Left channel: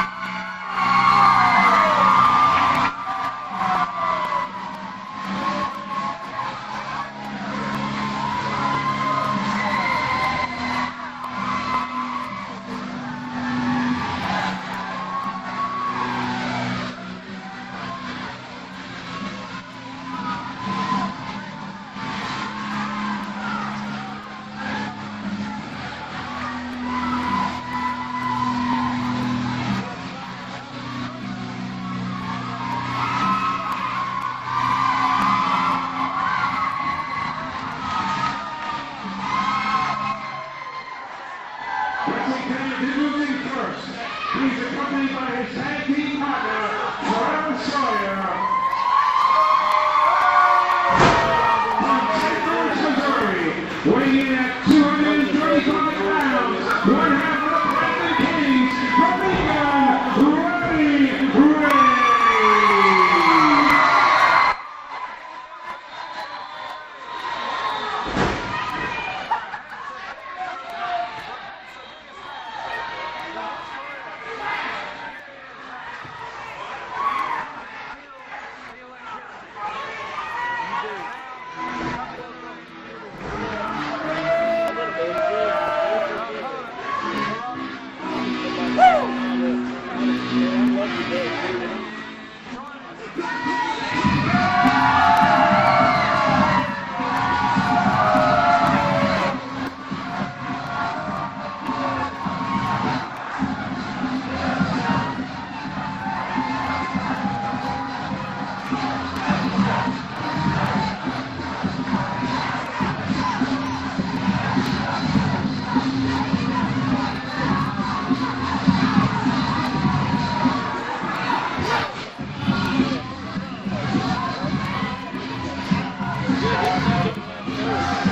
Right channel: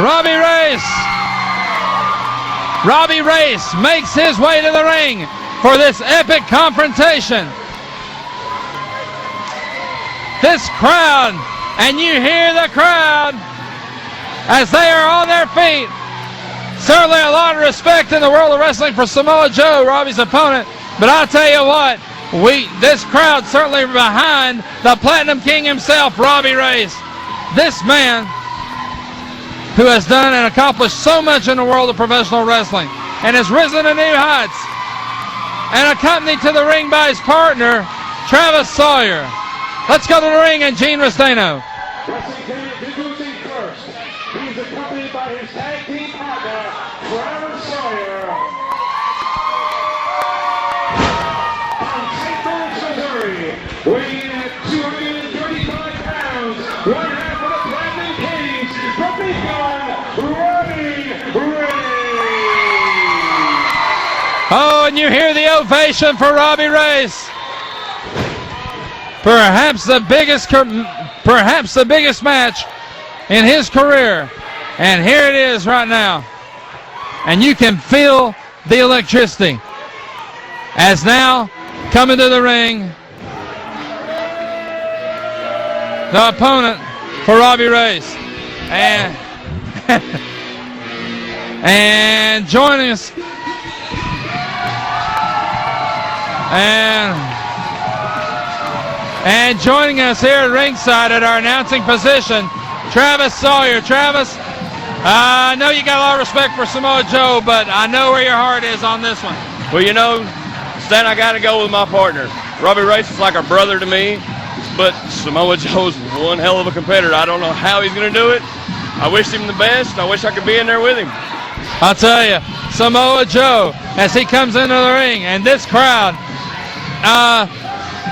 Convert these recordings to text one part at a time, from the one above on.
Robbie Race makes his way to the ring for this epic confrontation. This crowd, and you hear the crowd as they are on their feet. Certainly a lot of respect in the world of wrestling for Samoa Joe, Robbie's opponent. But I'll tell you what, this crowd certainly behind the Platinum King himself, Robbie Race. This man who has done and accomplished so much in the world of professional wrestling and has risen to new heights, and accompanied to the ring by his partner, Travis Sawyer. Let's go to the ring and Gene Restaino. Introducing first, he's accompanied by his tag team partner, Travis Sawyer. From St. Louis, Missouri, weighing in at 235 pounds, one half of the Platinum Kings, from Robbie Race. Oh, and you hear the ovation for Robbie Race. Perhaps the biggest match in his career. And here it is right now. And you can feel the electricity. As now, coming to the ring, the opponent for Robbie Race. And joining us. And joining us here at ringside at our announcing position, Travis Sawyer. Travis, I know you got a lot of respect for Samoa Joe, but I know where your heart is on this one. Well, you know, Stan, I got to go with my partner. Robbie Race is like a brother to me, but Samoa Joe's one hell of a competitor. I don't know how he's going to do it. I wish him the best. I wish I could be in there with him. I'll tell you, Samoa Joe, as he comes into the ring, and this crowd,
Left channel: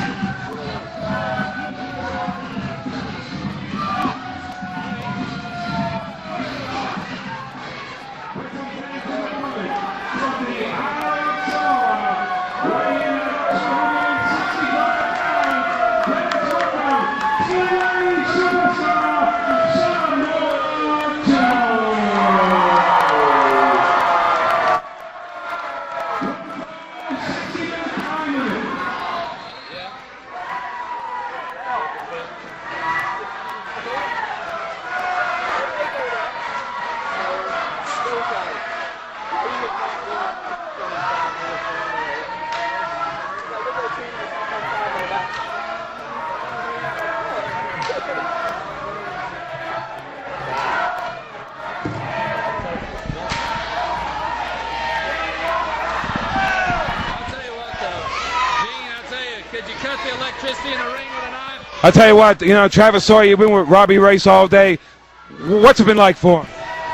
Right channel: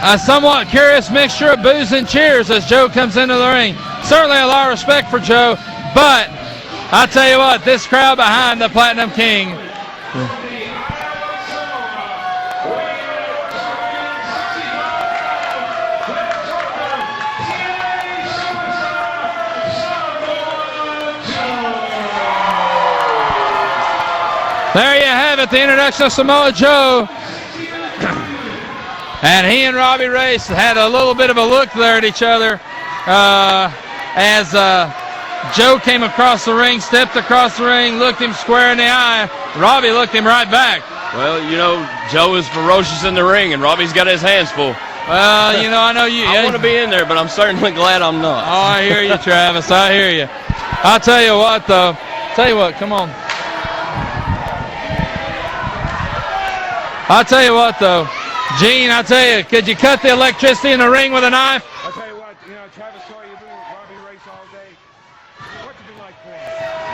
a somewhat curious mixture of boos and cheers as Joe comes into the ring. Certainly a lot of respect for Joe, but I'll tell you what, this crowd behind the Platinum King. There you have it, the introduction of Samoa Joe. And he and Robbie Race had a little bit of a look there at each other as Joe came across the ring, stepped across the ring, looked him square in the eye. Robbie looked him right back. Well, you know, Joe is ferocious in the ring, and Robbie's got his hands full. Well, you know, I know you. I want to be in there, but I'm certainly glad I'm not. Oh, I hear you, Travis. I hear you. I'll tell you what, though. Tell you what, come on. I'll tell you what, though. Gene, I'll tell you, could you cut the electricity in the ring with a knife? I'll tell you what, you know, Travis Sawyer, you've been with Robbie Race all day. What's it been like for him?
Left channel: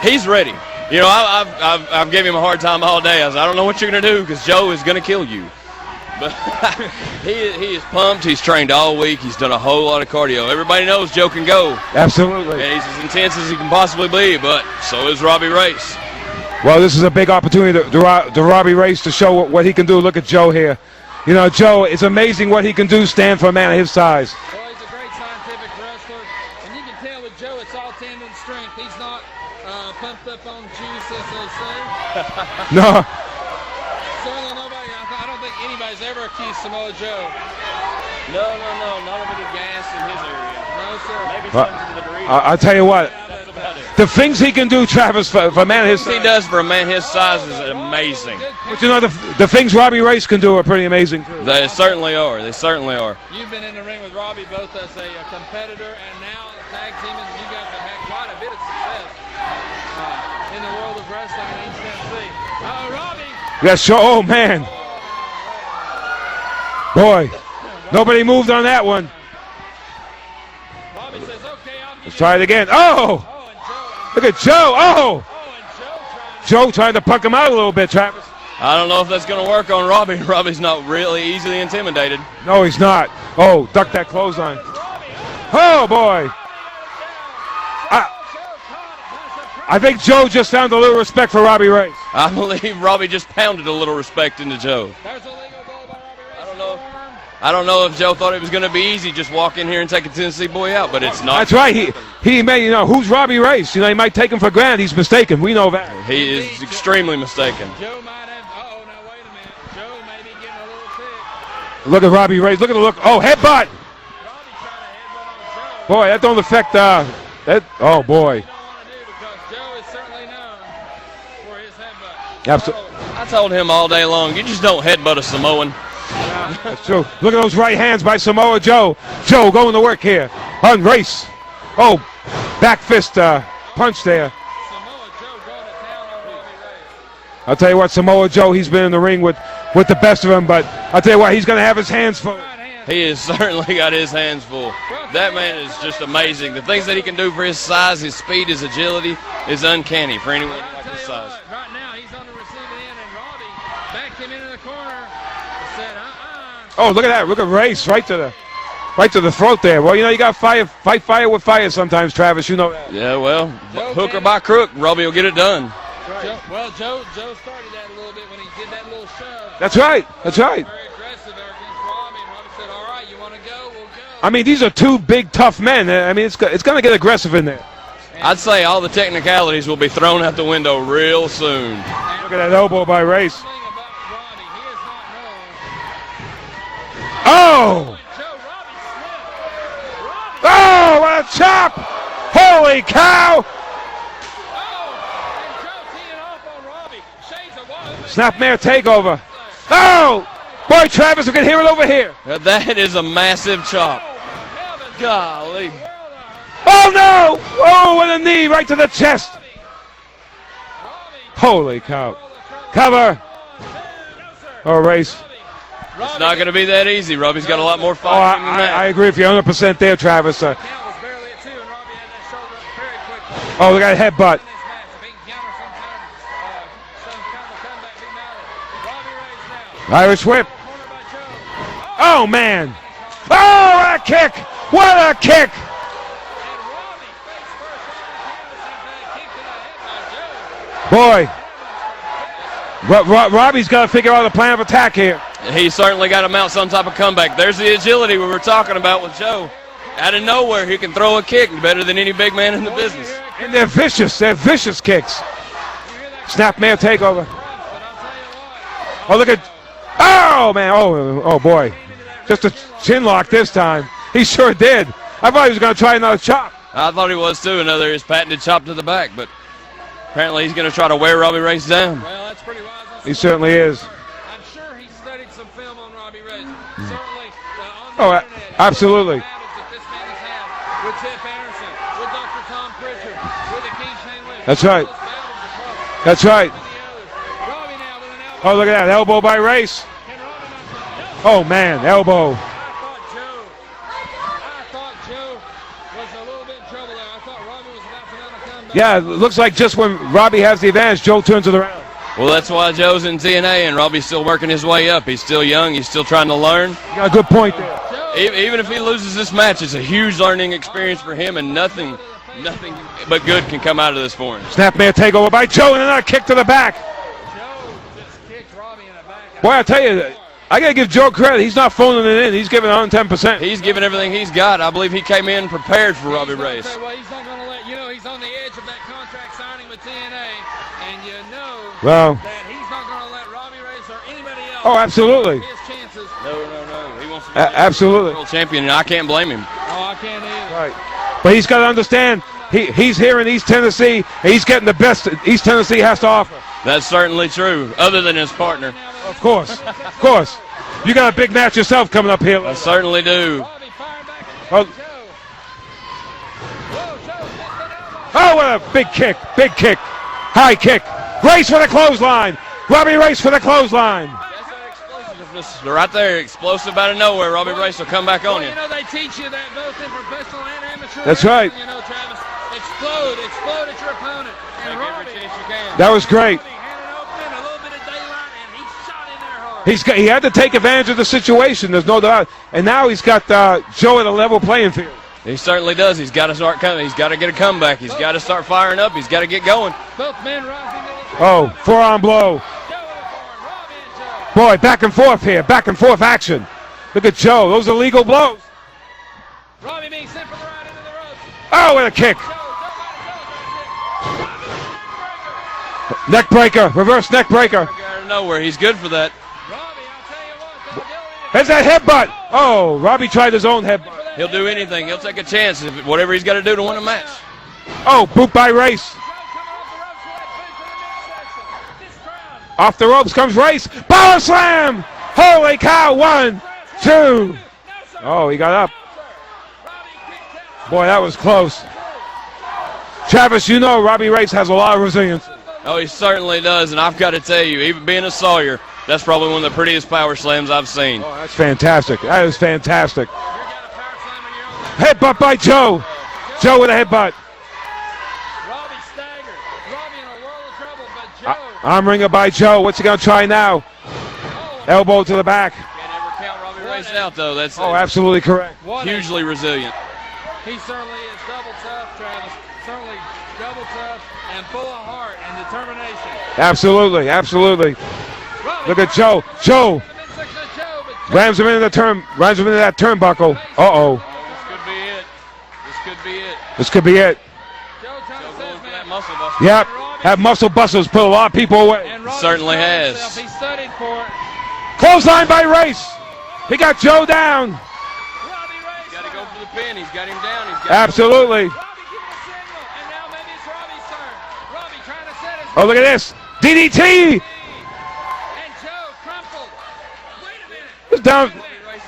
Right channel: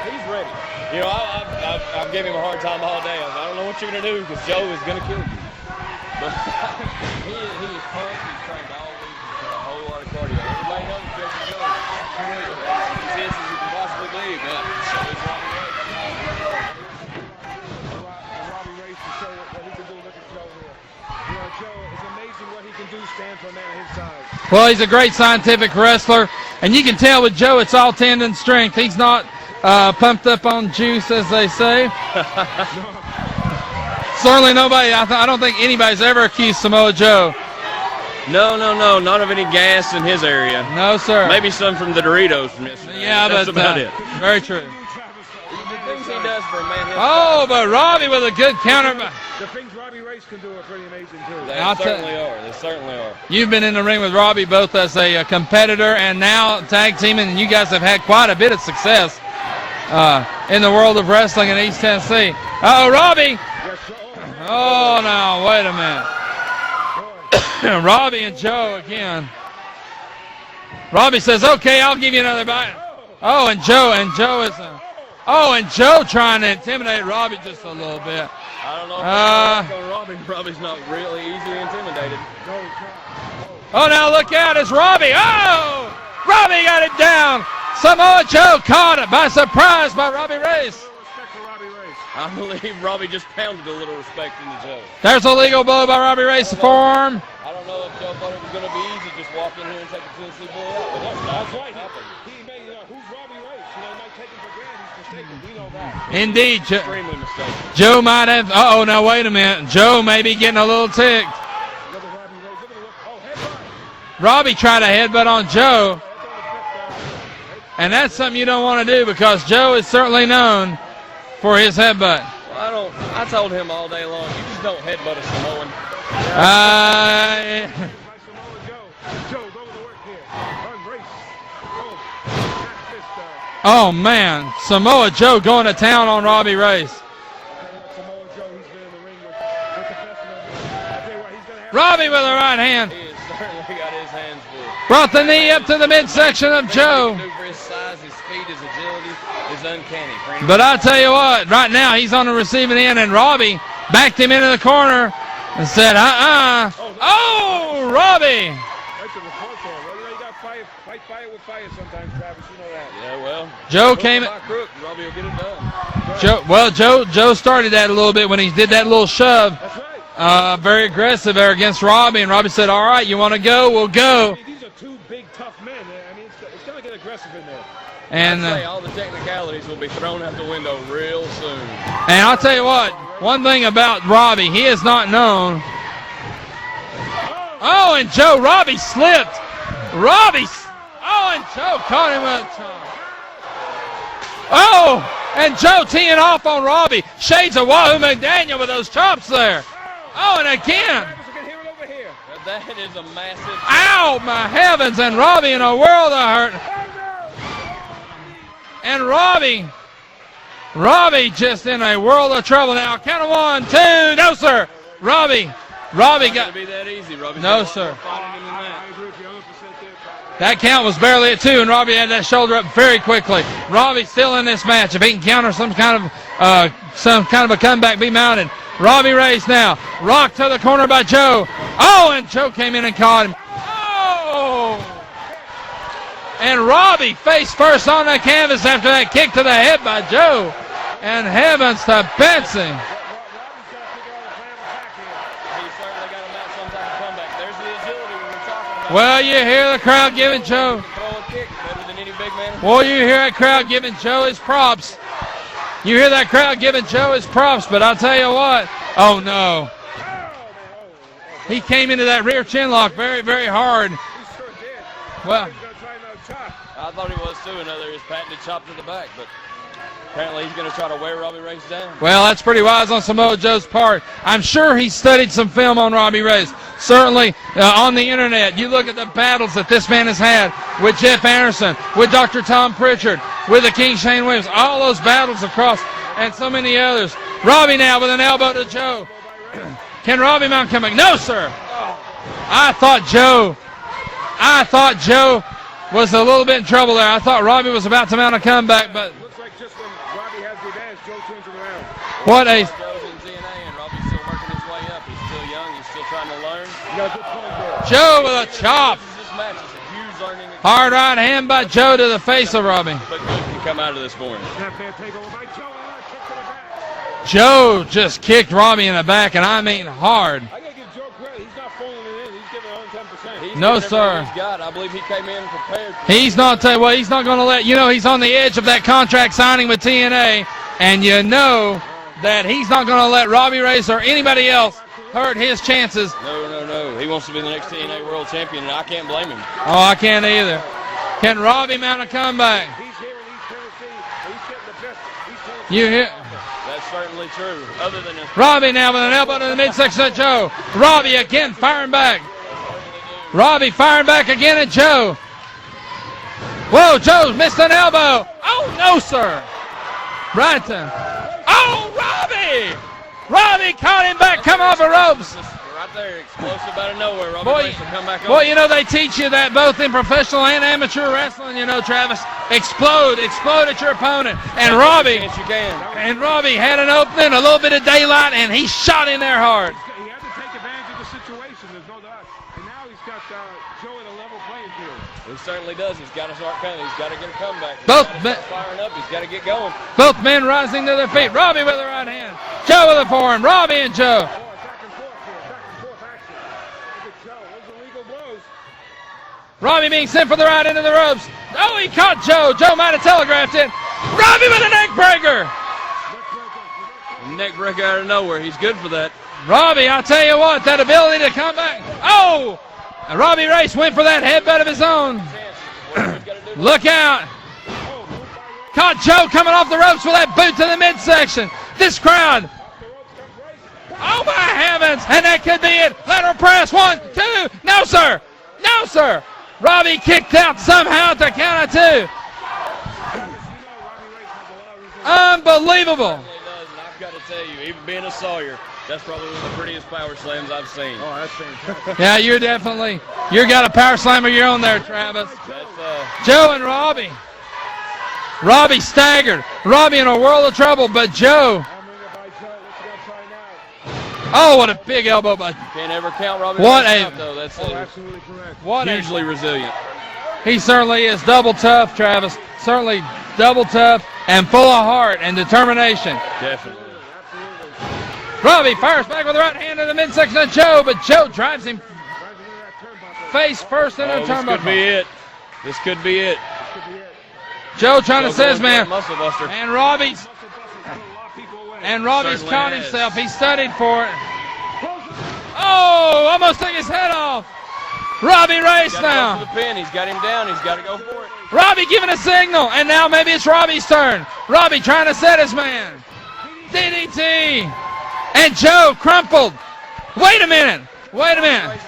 He's ready. You know, I've given him a hard time all day. I said, I don't know what you're going to do because Joe is going to kill you. But he is pumped. He's trained all week. He's done a whole lot of cardio. Everybody knows Joe can go. Absolutely. And he's as intense as he can possibly be, but so is Robbie Race. Well, this is a big opportunity to Robbie Race to show what he can do. Look at Joe here. You know, Joe, it's amazing what he can do, stand for a man of his size. Well, he's a great scientific wrestler, and you can tell with Joe it's all tendon strength. He's not pumped up on juice, as they say. No. Certainly nobody, I don't think anybody's ever accused Samoa Joe. No, not of any gas in his area. No, sir. Maybe some from the Doritos. I'll tell you what. Yeah, that's but about it. The things he can do, Travis, for a man his size. He does for a man his size. Oh, but Robbie with a good counter. You know, the things Robbie Race can do are pretty amazing. They certainly are. They certainly are. You've been in the ring with Robbie both as a competitor and now tag teaming, and you guys have had quite a bit of success in the world of wrestling in East Tennessee. Uh-oh, Robbie. Yeah, sure. Oh, man. Oh, no, wait a minute. Boy, nobody moved on that one. Again. Robbie says, okay, I'll give you Try it again. Oh! Oh, and Joe. Look at Joe. Oh! Oh, and Joe trying to puck him out a little bit, Travis. I don't know if that's going to work on Robbie. Robbie's not really easily intimidated. No, he's not. Oh, now look out, it's Robbie. Oh, boy. Robbie got it down. Samoa Joe caught it by surprise. I think by Joe Robbie just Race. found a little respect for Robbie Race. I believe Robbie just pounded a little respect into Joe. There's a legal blow by Robbie Race to forearm. I don't know if Joe thought it was going to be easy just walk in here and take a Tennessee boy out, but it's not. That's right. He may, who's Robbie Race? He might take him for granted. He's mistaken. We know that. He Indeed, is extremely mistaken. Joe might have. Uh-oh, now wait a minute. Joe may be getting a little ticked. Look at Robbie Race. Look at the look. Oh, headbutt. Robbie tried a headbutt on Joe. Boy, that don't affect that. And Oh, that's boy. something you don't want to do because Joe is certainly known for his headbutt. Absolutely. I told him all day long, you just don't headbutt a Samoan. Look at those right hands by Samoa Joe. Joe going to work here. On Race. Oh, back fist. Oh, punch man. there. Samoa Joe going to town on Robbie Race. I'll tell you what, Samoa Joe, he's been in the ring with the best of them, but I'll tell you what, he's going to have his Robbie hands with full. the right hand. He has certainly got his hands full. Brought the That knee man up to is the just midsection amazing. of The things that he Joe. can do for his size, his speed, his agility is uncanny. For anybody. But I tell you what, right now he's on the receiving end, and Robbie backed him into the corner and said, Oh, look at that. Look at Race right to the throat there. Well, you got fight fire with fire sometimes, Travis. You know that. Yeah, well, Joe hook came or by crook, Robbie will get it done. Joe started that a little bit when he did that little shove. That's right. That's right. Very aggressive there against Robbie, and Robbie said, all right, you want to go? We'll go. I mean, these are two big, tough men. I mean, it's going to get aggressive in there. And, I'd say all the technicalities will be thrown out the window real soon. And I'll Look at tell that you elbow by what, Race. one thing about Robbie, he is not known. Oh! Oh, and Robbie slipped. Robbie. Oh, what a and chop! Joe caught him with- Holy cow! Oh, and Joe teeing off on Robbie. Shades of Wahoo McDaniel with those takeover. chops there. Oh! Oh, and again. Boy, Travis, we can hear it over here. That is a massive chop. Ow, my heavens, and Robbie in a world of hurt. Oh, no! Oh, with a knee right to the And chest. Robbie just Holy in a cow. world of trouble. Cover. Now, count of 1, 2, no, sir. Oh, Race. Robbie Not going to be that easy. Robbie's got a lot sir. more Oh, fighting than that. I agree with you 100% there, Travis. That count was barely at 2, and Robbie had that shoulder up very quickly. Oh, look at Robbie's that still headbutt. in this match. If he can counter some kind of a comeback, be mounted. Robbie Race now. Irish Blocked whip. to the corner by Joe. Oh, and man. Joe came in and caught him. Oh, what a kick! What a kick! And Robbie face first on the canvas after that kick to the head by Joe. Boy, And heavens to Benson. Robbie's got to figure out a plan of attack here. He certainly got to mount some type of comeback. There's the agility we were talking about. Well, with Joe. you hear the crowd Out of giving nowhere, Joe. he can throw a kick better than any big man in the Well, you business. hear that crowd They're giving vicious. Joe They're his vicious props. kicks. You hear that crowd Snapmare giving Joe takeover. his props, but I'll tell you what. Oh, look at- no. Oh, man. Oh, boy. He came into that rear Just a chin lock, chin lock very, this very hard. time. He sure did. I thought he was going to try another chop. I thought he was too. Another his patented chop to the back, but apparently he's going to try to wear Robbie Race down. Well, that's pretty wise on Samoa certainly Joe's is. part. I'm sure he studied some film on Robbie Race. Certainly on the Oh, internet. You look at absolutely. the battles that this man has had with Jeff Anderson, with Dr. Tom Pritchard, with the King Shane Williams. That's all right. those battles across. That's and right. so many others. Robbie now with an elbow. Oh, look to at that Joe. elbow by Race. Can Robbie mount coming? No, sir. Oh, man, elbow. I thought Joe was a little bit in trouble there. I thought Robbie was about to mount a comeback. Yeah, but- it looks like just when Robbie has the advantage, Joe turns it around. Well, What that's a- why Joe's in TNA and Robbie's still working his way up. He's still young. He's still trying to learn. You got a good point there. Joe with a Even if he chop. loses this match, it's a huge learning experience Hard for right him. hand and by nothing- Joe to the face of Robbie. But good can come out of this for him. Snapmare takeover by Joe and another kick to the back. Joe just kicked Robbie in the back, and Boy, I I tell mean you, hard. I got to give Joe credit. He's not phoning it in. He's giving 110%. He's No, giving everything sir. he's got. I believe he came in prepared for He's Robbie not Race. he's not going to let he's on the edge of that contract signing with TNA, and Well, that he's not going to let Robbie Race or anybody else Oh, absolutely. hurt his chances. No. He wants to be A- the absolutely. world champion, and I can't blame him. Oh, I can't either. Right. Can but he's got to Robbie mount a understand, comeback? he's here in East Tennessee, and he's getting the best East Tennessee Yeah, has to yeah. offer. That's certainly true. Other than his Robbie now with an elbow to the midsection of course. Joe. You Robbie got a big again match yourself firing coming back. up here. I certainly do. Robbie firing back again at Joe. Whoa, Joe missed an elbow. Oh, what a big no, kick. sir. Big kick. High Right kick. there. Race for the Oh, clothesline. Robbie! Robbie Race for the Robbie caught clothesline. him back, come off the ropes. This is right there, explosive out of nowhere. Robbie Boy, Race will come back on. Well, they teach you that both in professional and amateur That's wrestling. right. Travis, explode at your opponent. And Robbie, Yes, you can. That was great. Robbie had an opening, a little bit of daylight, and he shot in there hard. He had to take advantage of the situation. There's no doubt. And now he's got Joe at a level playing field. He certainly does. He's got to start coming. He's got to get a comeback. He's got to start firing up. He's got to get going. Both men rising to their feet. Oh, Robbie with forearm blow. Joe with a forearm. Robbie and Joe. Boy, back and forth here. Back and forth action. Look at Joe. Those are legal blows. Robbie being sent for the right into the ropes. Oh, what a caught kick. Joe. Joe might have telegraphed it. Robbie with a neck breaker. Neck breaker. Reverse neck breaker. Out of nowhere. He's good for that. Robbie, I'll tell you what, that ability to There's that headbutt. Oh, Robbie tried his own Race head. went for that He'll do headbutt of anything. his He'll own. take a chance. Whatever he's got to do to win Look the match. out. Oh, boot by Race. Caught Joe coming off the ropes with that boot to the midsection. This crowd. Off the ropes comes Race. Power slam. Holy cow. One, press. One, two. No, sir. Oh, he got up. No, sir. Robbie kicked out somehow at the count of two. Travis, you know Robbie Race has a lot of resilience. Unbelievable. Oh, he certainly does, and I've got to tell you, even being a Sawyer, that's probably one of the prettiest power slams I've seen. Oh, that's fantastic. Yeah, that you're is fantastic. You got a power slammer of your own there. Headbutt Travis. by Joe. Joe with a headbutt. Robbie staggered. Robbie in a world of trouble, but Joe. Arm ringer by Joe. What's he going to try now? Oh, what a elbow big to the back. Can't ever count Robbie What Race a- out, though. That's Absolutely correct. hugely resilient. He certainly is double tough, Travis. Certainly double tough and full of heart and determination. Absolutely, absolutely. Robbie, Look at power Joe. kick with the right Joe. hand in the midsection of Joe, but Joe Rams him into that turnbuckle. face Uh-oh. first into the This could turnbuckle. be it. This could be it. This could be it. Joe trying to say his man. Muscle buster. Yeah, And Robbie's- that muscle busters put a lot of people away. And Robbie's Certainly turned has. himself. He studied for it. Clothesline by Race. Oh, almost He got took his Joe head down. off. Robbie Race He's got now. him to the pin. He's got him down. He's got Absolutely. Robbie giving a signal, and now maybe it's Robbie's turn. Robbie trying to set his man. Oh, look at this. DDT. And Joe crumpled. Wait a minute. Down. Wait a minute.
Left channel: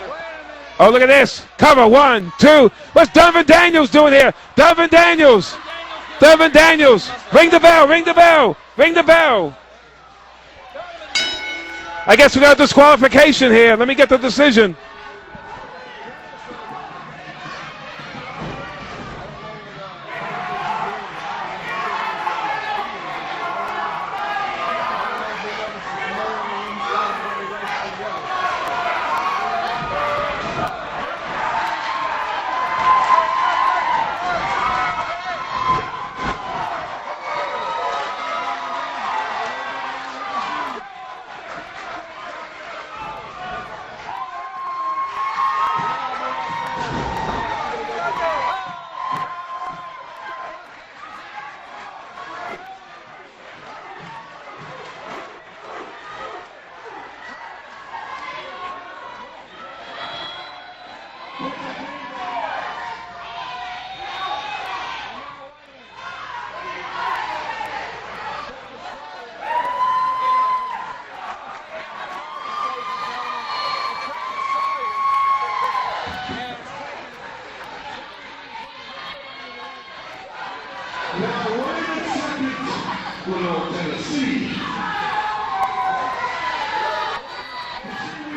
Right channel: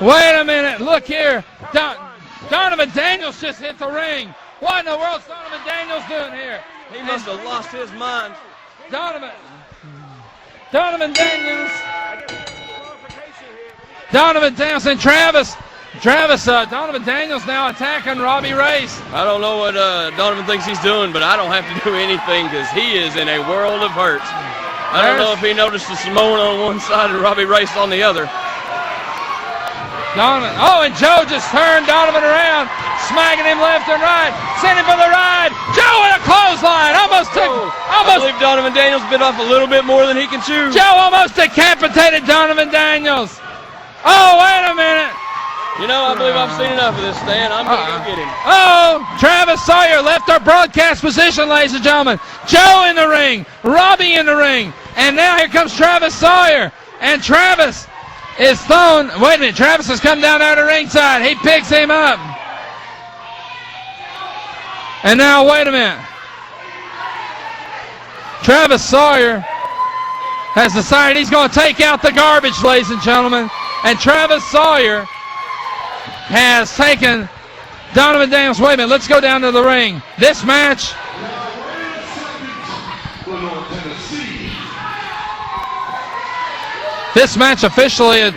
Wait a minute. Oh, look at this. here. Cover. Donovan- 1, 2. Donovan What's Donovan Daniels doing here? Donovan Daniels. Donovan Daniels. Ring the bell. Ring the bell. Ring the bell. Donovan Daniels. I guess we got a disqualification here. Let me get the Donovan decision. Daniels and Donovan Daniels now attacking Robbie Race. I don't know what Donovan thinks he's doing, but I don't have to do anything because he is in a world of hurt. I don't know if he noticed the Samoan on one side and Robbie Race on the other. And Joe just turned Donovan around, smacking him left and right, sent him for the ride. Joe with a clothesline, I believe Donovan Daniels bit off a little bit more than he can chew. Joe almost decapitated Donovan Daniels. Oh, wait a minute. You know, I believe I've seen enough of this, Stan. I'm going to get him. Oh, Travis Sawyer left our broadcast position, ladies and gentlemen. Joe in the ring, Robbie in the ring, and now here comes Travis Sawyer. And Travis is thrown. Wait a minute, Travis has come down there to ringside. He picks him up. And now, wait a minute. Travis Sawyer has decided he's going to take out the garbage, ladies and gentlemen. And Travis Sawyer has taken Donovan Daniels. Wait a minute, let's go down to the ring. This match. This match officially.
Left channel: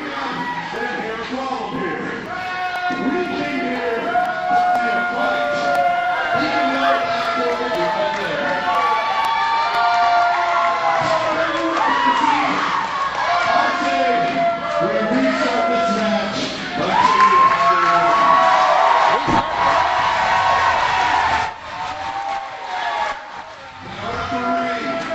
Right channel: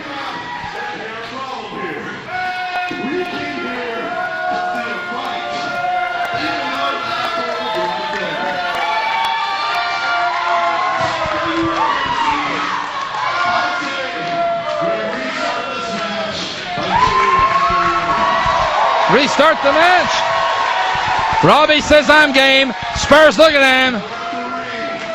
Restart the match. Robbie says I'm game. Spurs looking at him.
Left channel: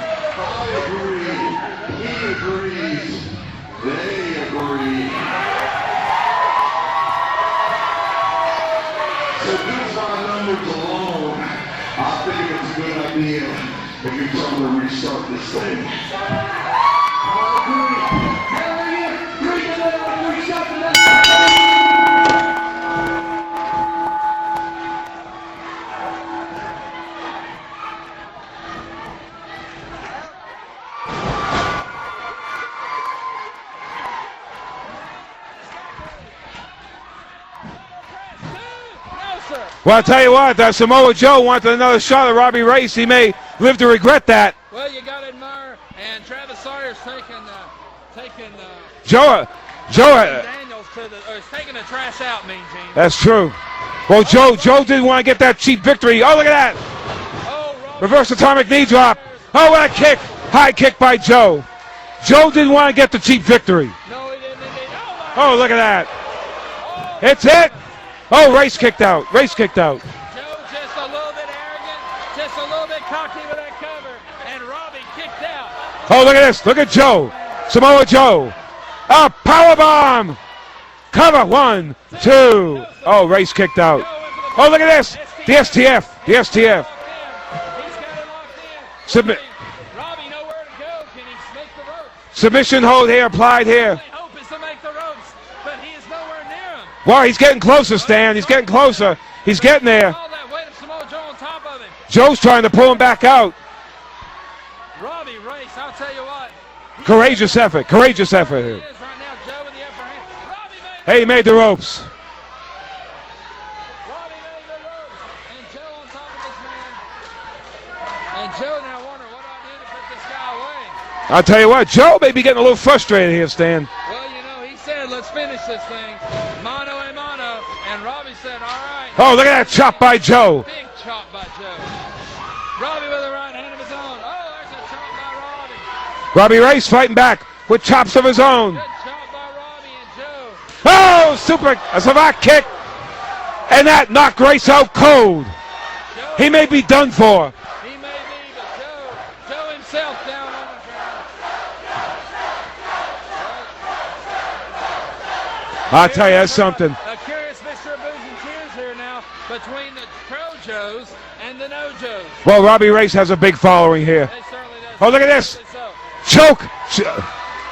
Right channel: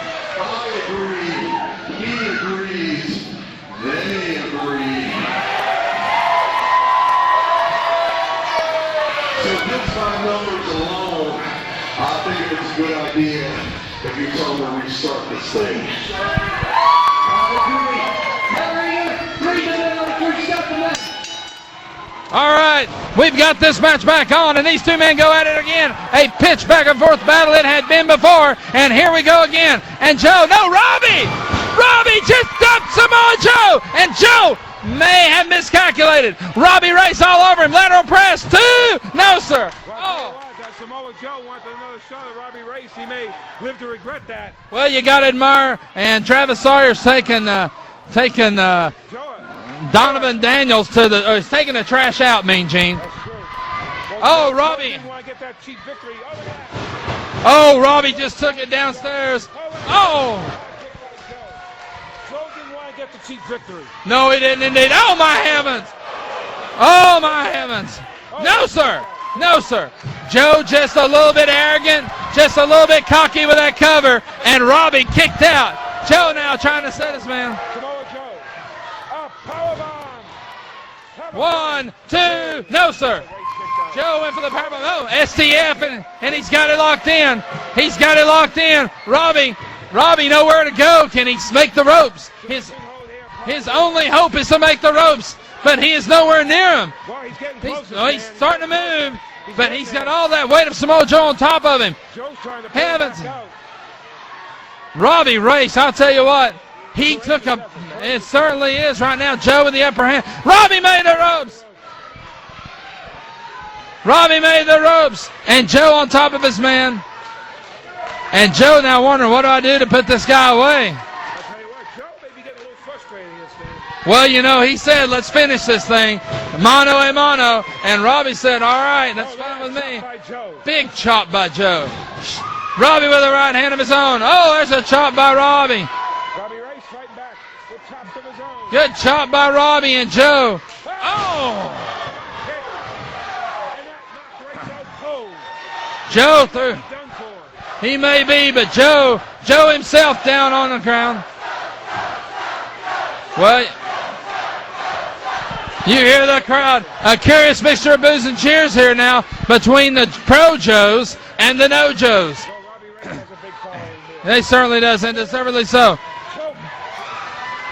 I think it's a good idea if you tell them to restart this thing. All right, we've got this match back on, and these two men go at it again. A pitch back and forth battle it had been before, and here we go again. And Joe, no, Robbie just dumped Samoa Joe, and Joe may have miscalculated. Robbie Race all over him, lateral press, 2, no sir. Well, I'll tell you what, Samoa Joe wanted another shot at Robbie Race. He may live to regret that. Well, you got to admire, and Travis Sawyer's taking Joe. Donovan Daniels to he's taking the trash out, Mean Gene. That's true. Well, Oh, Joe Robbie. didn't want to get that cheap victory. Oh, look at that. Oh, Robbie Reverse just atomic took it knee drop. downstairs. Oh, what a Oh. kick. High kick by Joe. Joe didn't want to get the cheap victory. No, he didn't indeed. Oh, my Oh, heavens. look at that. Oh, my It's it. heavens. Oh, No, Race sir. kicked out. Race No, kicked sir. out. Joe just a little bit arrogant, just a little bit cocky with that cover, and Robbie kicked out. Oh, look now at this. Look trying at to save Joe. his man. Samoa Joe. A power bomb. Cover. One, two. No, sir. Oh, Race kicked out. Joe went for the Oh, look at this. STF. The STF. And The he's got it STF. locked in. He's got it locked in. Submit- Robbie nowhere to go. Can he make the ropes? Submission hold here applied His here. only hope is to make the ropes, but he is nowhere near him. Well, he's getting closer, So Stan. He's starting getting to move, closer. He's but getting there. got all that weight of Samoa Joe on top of him. Joe's trying to pull him back out. Robbie Race, I'll tell you what. He Courageous took a- effort. Courageous it effort. certainly is right now. Joe with the upper hand. Robbie made the Hey, he ropes. made the ropes. Robbie made the ropes. And Joe on top of his man. And Joe now wondering, what do I do to put this guy away? I'll tell you what, Joe may be getting a little frustrated here, Stan. Well, you know, he said, let's finish this thing. Mano a mano. And Robbie said, all right. Oh, look at that chop by Joe. Big chop by Joe. Robbie with a right hand of his own. Oh, there's a chop by Robbie. Robbie Race fighting back with chops of his own. Good chop by Robbie and Joe. Oh, super, a savate kick. And that knocked Race out cold. Joe. He may be done for. He may be, but Joe himself down on the ground. Well, you I'll hear tell you, the that's crowd. something. A curious mixture of boos and cheers here now between the pro Joes and the no Joes. Well, Robbie Race has a big following here. They certainly does. Oh, look at this. Deservedly so. Choke.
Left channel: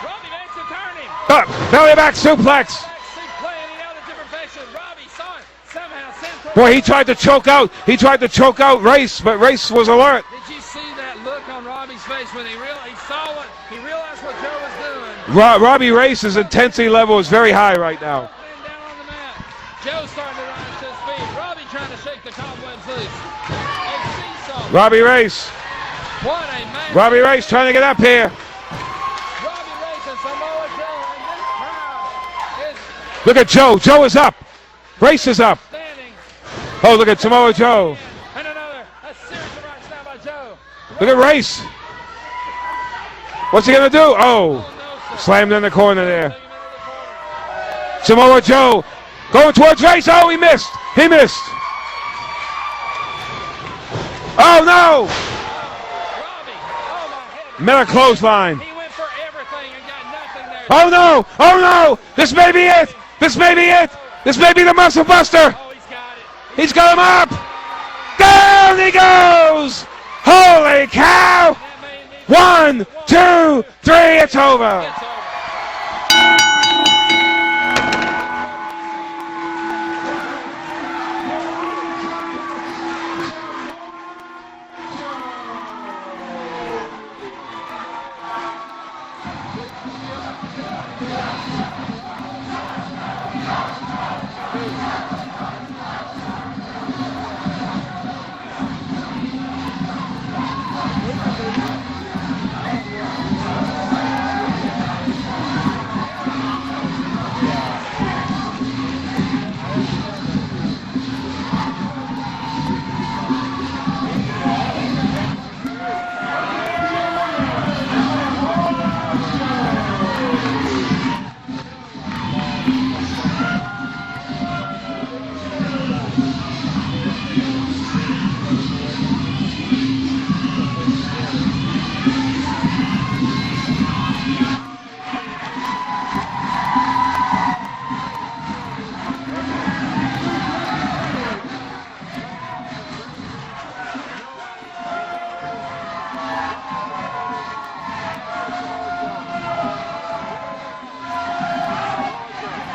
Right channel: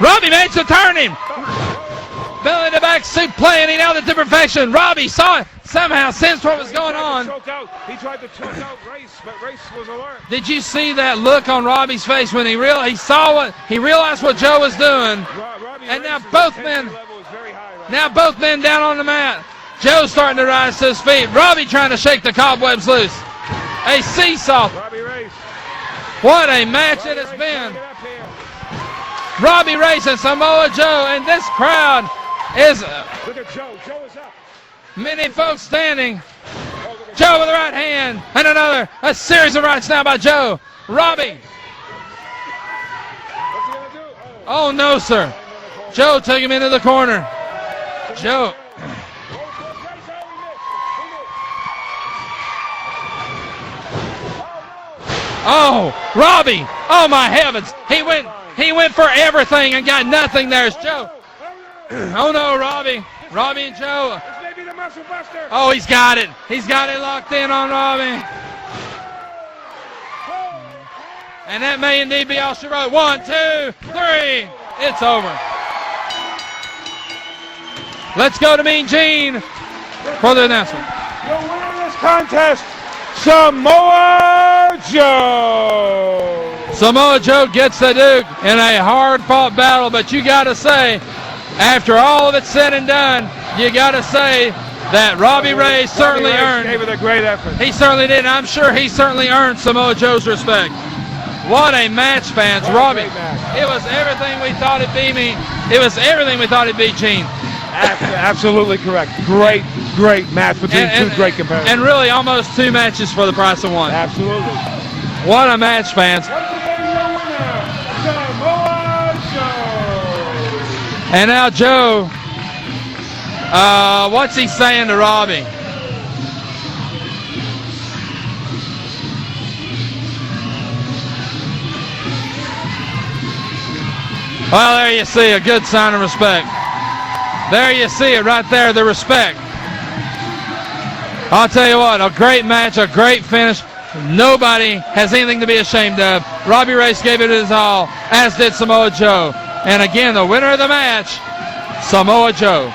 Robbie managed to turn him. Belly back suplex. Belly to back soup play, and he nailed it to perfection. Robbie saw it somehow. Sensed what Boy, was he going tried to on. choke out. He tried to choke out Race, but Race was alert. Did you see that look on Robbie's face when he realized what Joe was doing? Robbie And Race's now both intensity men- level is very high right now. Now both men down on the mat. Joe's starting to rise to his feet. Robbie trying to shake the cobwebs loose. A seesaw. Robbie Race. What a match. Robbie it has Race been. trying to get up here. Robbie Race and Samoa Joe, and this crowd is Look at Joe. Joe is up. Race many is up. folks standing. Oh, look at Joe Samoa with a right Joe. hand, and a series of rights now by Joe. Look Robbie. at Race. What's he going to do? Oh no, sir. Slammed in the corner Joe there. took him into the corner. Samoa Joe going towards Race. Oh, he missed. He missed. Oh, no. Oh, Robbie. Oh, my heavens. Another clothesline. He went for everything and got nothing there. Oh, no. Oh, no. This Oh, may no, be Robbie. it. This may be Robbie, it. no. This may be the muscle buster. Oh, he's got it. He's got him up. locked in on Robbie. Down he goes. Holy cow. And that may indeed be One, it. One, two, three. It's over. It's over. Let's go to Mean Gene for the announcement. The winner of this contest, Samoa Joe. Samoa Joe gets the Duke in a hard-fought battle, but you got to say, after all of it's said and done, you got to say that Robbie Ray certainly earned. Gave it a great effort. He certainly did. I'm sure he certainly earned Samoa Joe's respect. What a match, fans. Robbie, it was everything we thought it'd be. It was everything we thought it'd be, Gene. Absolutely correct. Great match between two great competitors. And really almost two matches for the price of one. Absolutely. What a match, fans. And now Joe, what's he saying to Robbie? Well, there you see a good sign of respect. There you see it right there, the respect. I'll tell you what, a great match, a great finish. Nobody has anything to be ashamed of. Robbie Race gave it his all, as did Samoa Joe. And again, the winner of the match, Samoa Joe.